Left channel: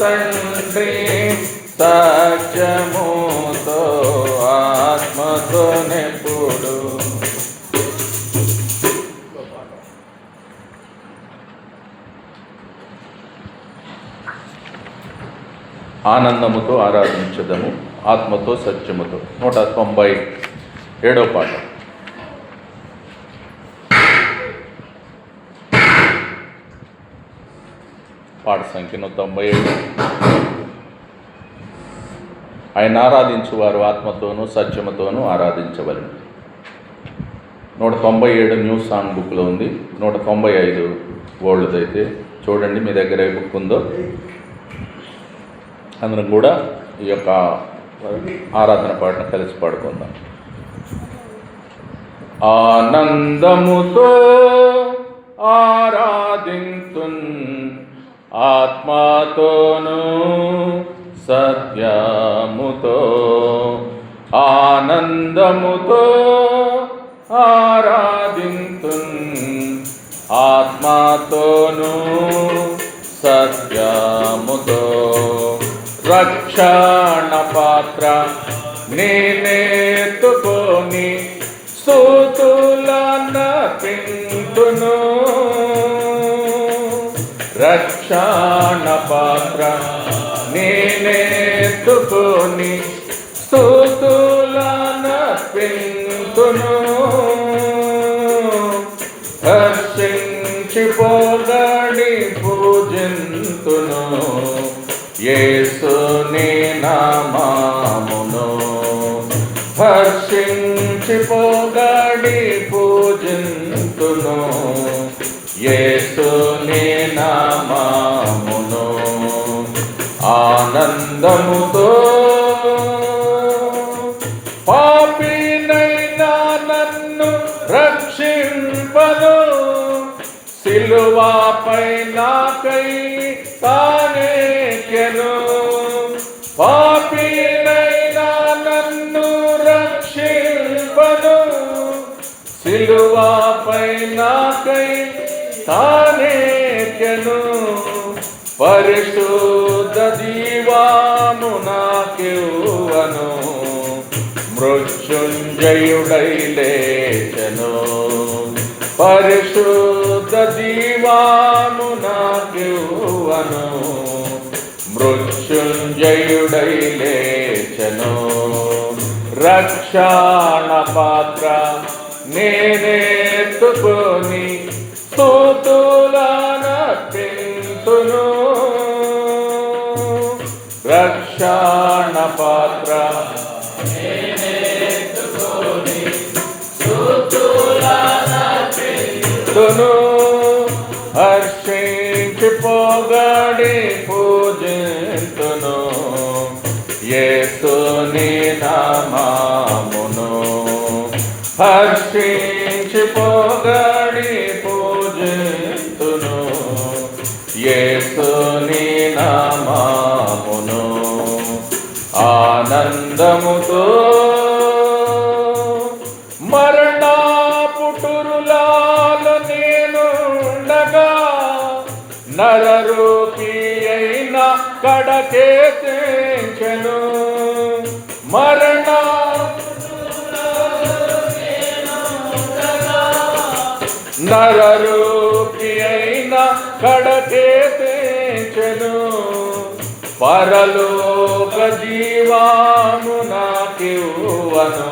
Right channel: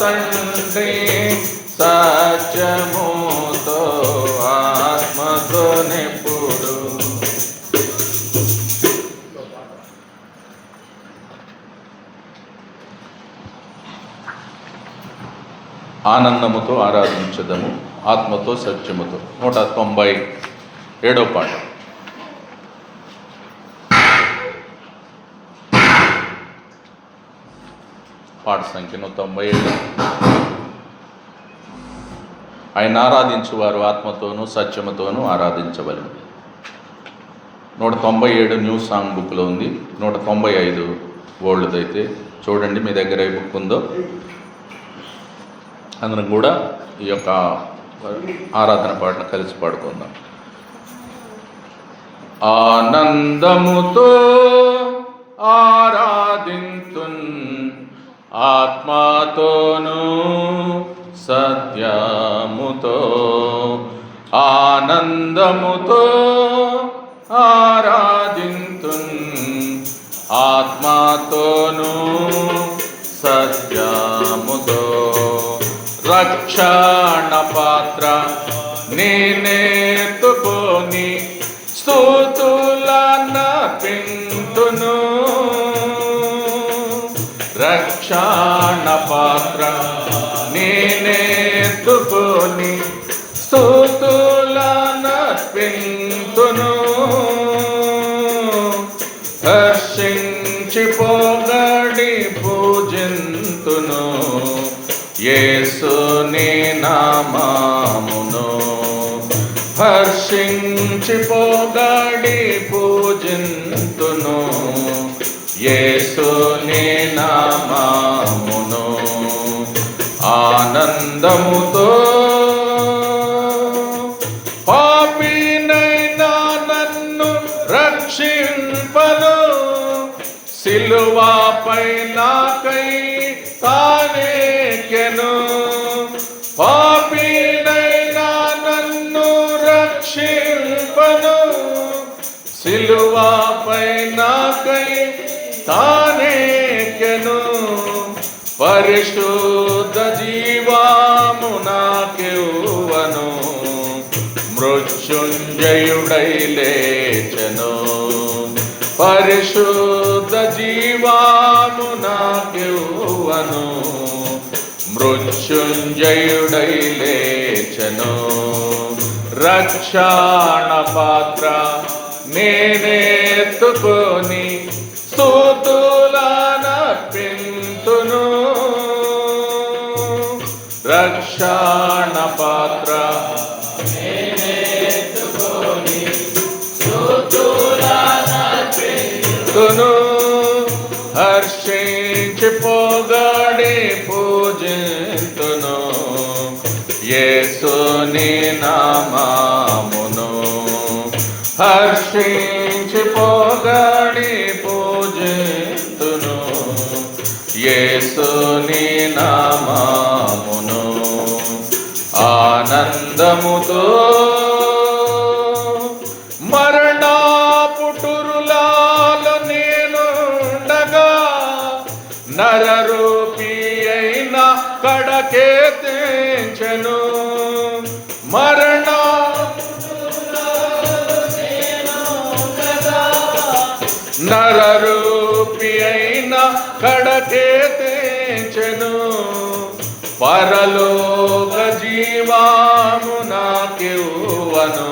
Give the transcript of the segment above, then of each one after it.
తండ్రి సత్యముతో ఆత్మతో నెప్పుడు ఆనందముతో ఆరాధించదము ఆత్మతో సత్యముతో. నూట తొంభై ఏడో పాట పాట సంఖ్య నూట తొంభై ఏడు. ఆయన ఆరాధించువారు ఆత్మతోనూ సత్యముతోనూ ఆరాధించవలను నూట తొంభై ఏడు న్యూ సాంగ్ బుక్లో ఉంది. నూట తొంభై ఐదు ఓల్డ్ది అయితే చూడండి మీ దగ్గర ఏ బుక్ ఉందో. అందరం కూడా ఈ యొక్క ఆరాధన పాటను కలిసి పాడుకుందాం. ఆనందముతో ఆరాధింతున్ ఆత్మాతోను సత్యముతో ఆనందముతో ఆరాధింతు ఆత్మాతోను సత్యముతో రక్షణ పాత్ర నేనే రక్షణ పాత్ర నేనేతుకొని స్థూతులన హర్షించి పొగడి పూజింతును. యేసుని నామామును. హర్షించి పొగడి పూజింతును. ఆనందముతో పాపినైనా నన్ను రక్షింపను. సిలువాపై నాకై తానేకెను మృత్యుంజయుడైలేచను పరిశుద్ధ జీవామునాను మృత్యుంజయుడైలేచను. రక్షణ పాత్ర నేనేత్తుకొని స్తూతులన పింతును రక్షణ తును హర్షించి పోగాడి పూజింతును. యేసుని నామామును హర్షించి పోగాడి పూజింతును. యేసుని నామామును ఆనందముతో కడకే మరణ నరూపి అయిన కడకే తెంచెను. పరలోక జీవాను నాకివ్వను.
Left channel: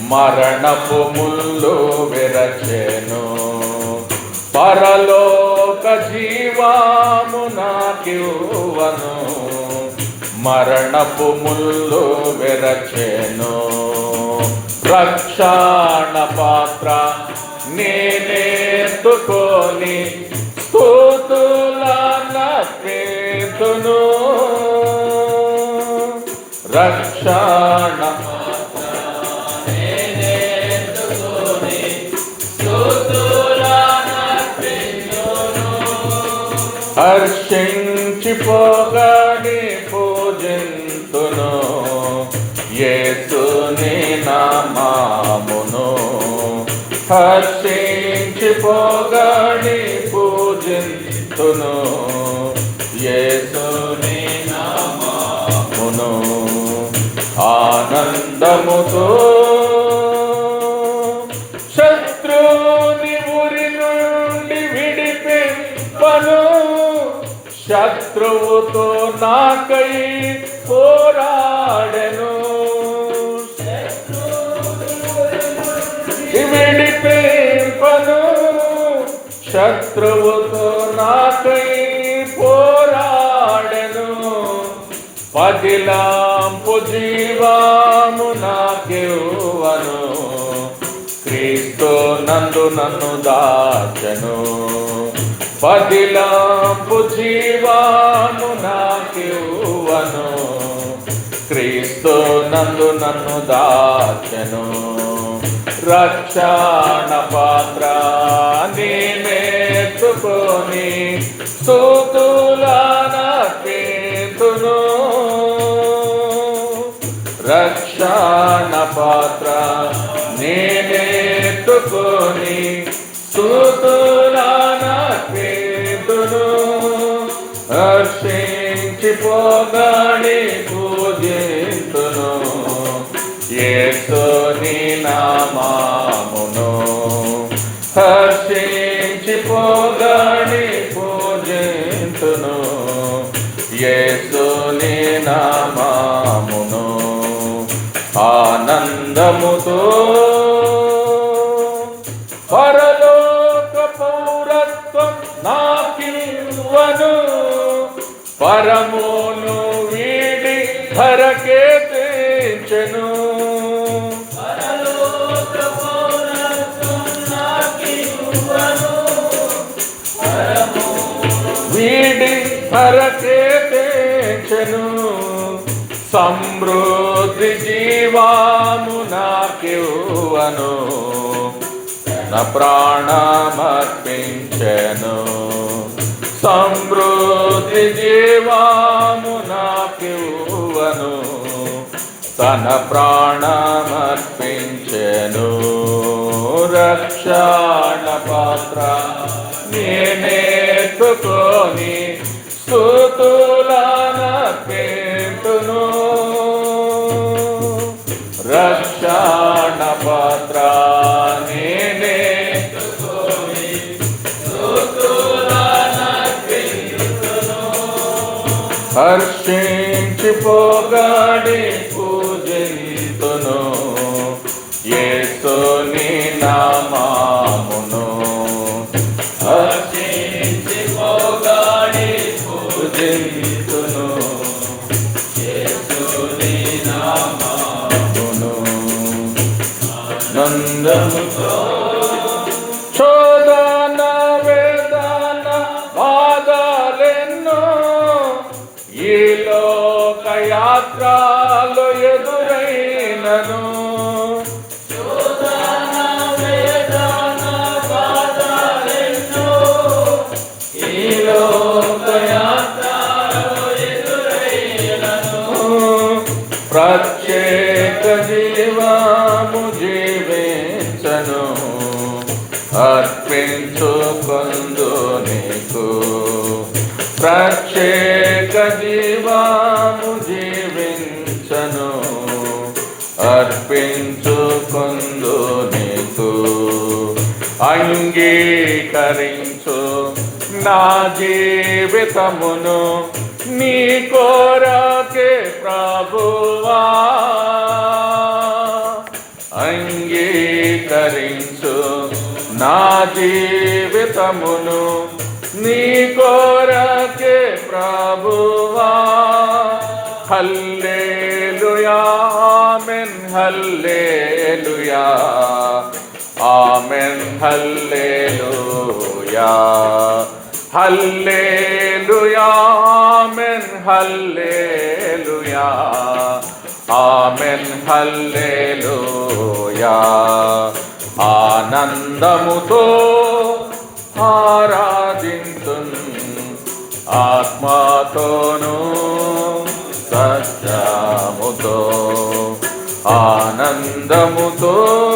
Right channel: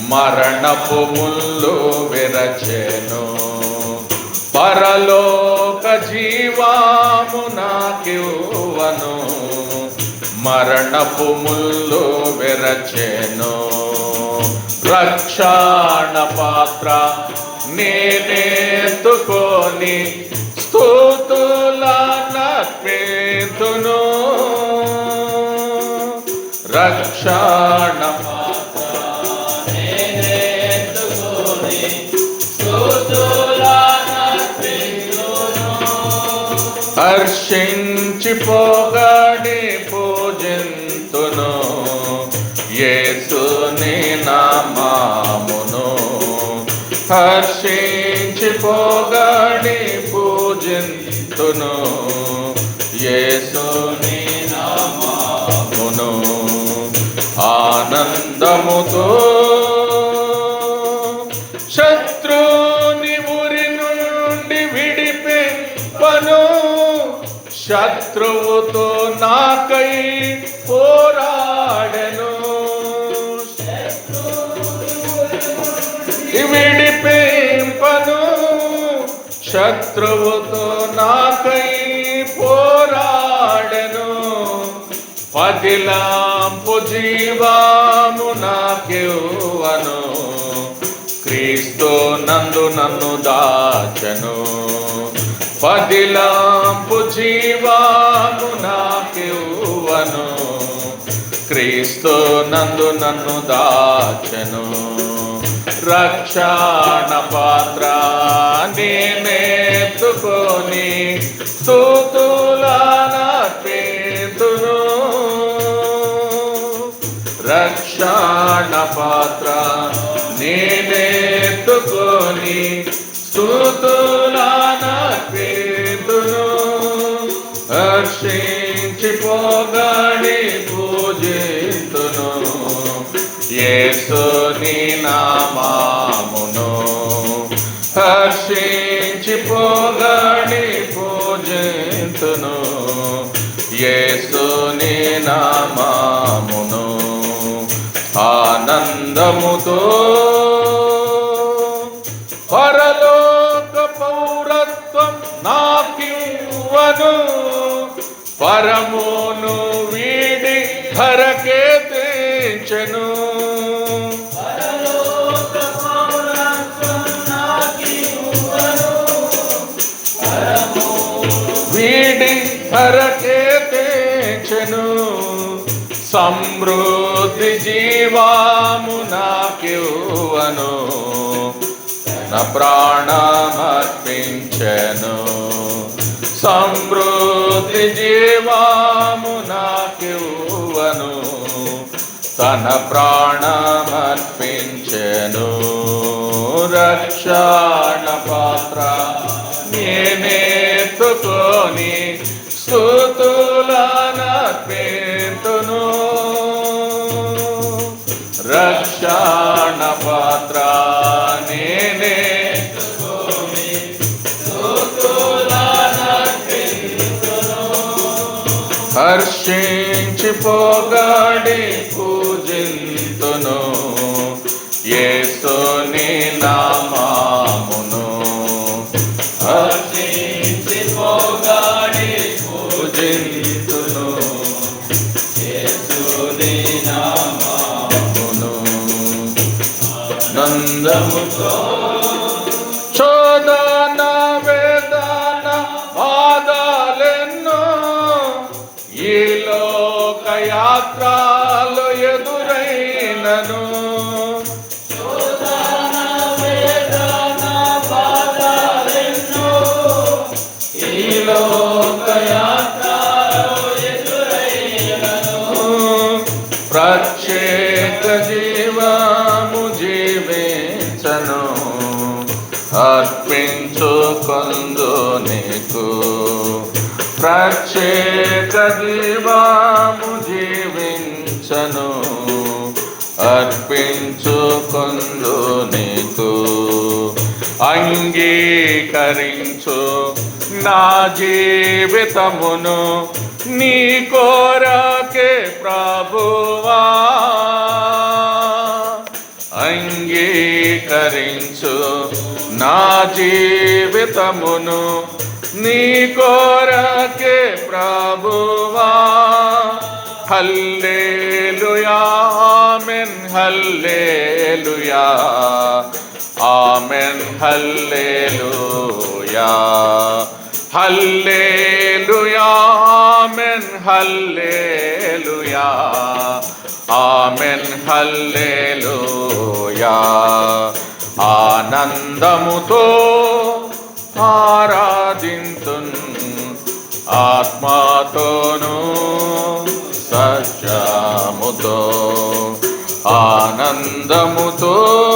మరణపు ముల్లు విరచెను. పరలో మరణపు ముళ్ళు వెరచేను. రక్షణ పాత్ర నేనెత్తుకొని స్తూతులన ప్రేతును రక్షణ హర్షించి పోగడి యేసుని నామామును హర్షించి పోగాడి పూజింతును. యేసుని నామామును ఆనందముతో శత్రుని ఉరి నుండి విడిపింపను. శత్రువుతో నాకై విడిపింపను శత్రువుతో నాకై పోరాడను. పదిలాంపు జీవాము నాకెవను క్రీస్తు నందు నన్ను దాచను. పదిలాంపు జీవాము నాకెవను క్రీస్తు నందు నన్ను దాచను. రక్షణ పాత్ర నేర్చుకొని స్థూతులన రక్షణ పాత్ర నేనెత్తుకొని స్థూతులన పేతును హర్షించి పోగాడి యేసుని నామామును హర్షించి పోగాడి పూజింతును. యేసుని నామామును ఆనందముతో పరలోక పౌరత్వం నాకివ్వను. పరమును వీడి ధరకే తెంచెను వీడి ధరకే సమృద్ధి జీవాము నాకివ్వను నా ప్రాణమర్పించెను. సమృద్ధి జీవాము నాకివ్వను తన ప్రాణమర్పించను. రక్షణ పాత్ర నేనెత్తుకొని స్థుతులన పెట్టును రక్షణ పాత్ర నేనే హర్షించి యేసుని నామమును హర్షించి పోగాడి పూజింతును యేసుని నామమును నందముతో శోధన వేదన బాధలెన్నో. ఈ లోక ప్రత్యేక జీవించను అర్పించుకుందు నీకు. అంగీకరించు నా జీవితమును నీ కోరకే ప్రభువా. అంగీకరించు నా జీవితమును నీ కోరకే hallelujah. Hallelujah. Amen hallelujah. Amen hallelujah. ఆనందముతో ఆరాధింతున్ ఆత్మతోను సత్యముతో ఆనందముతో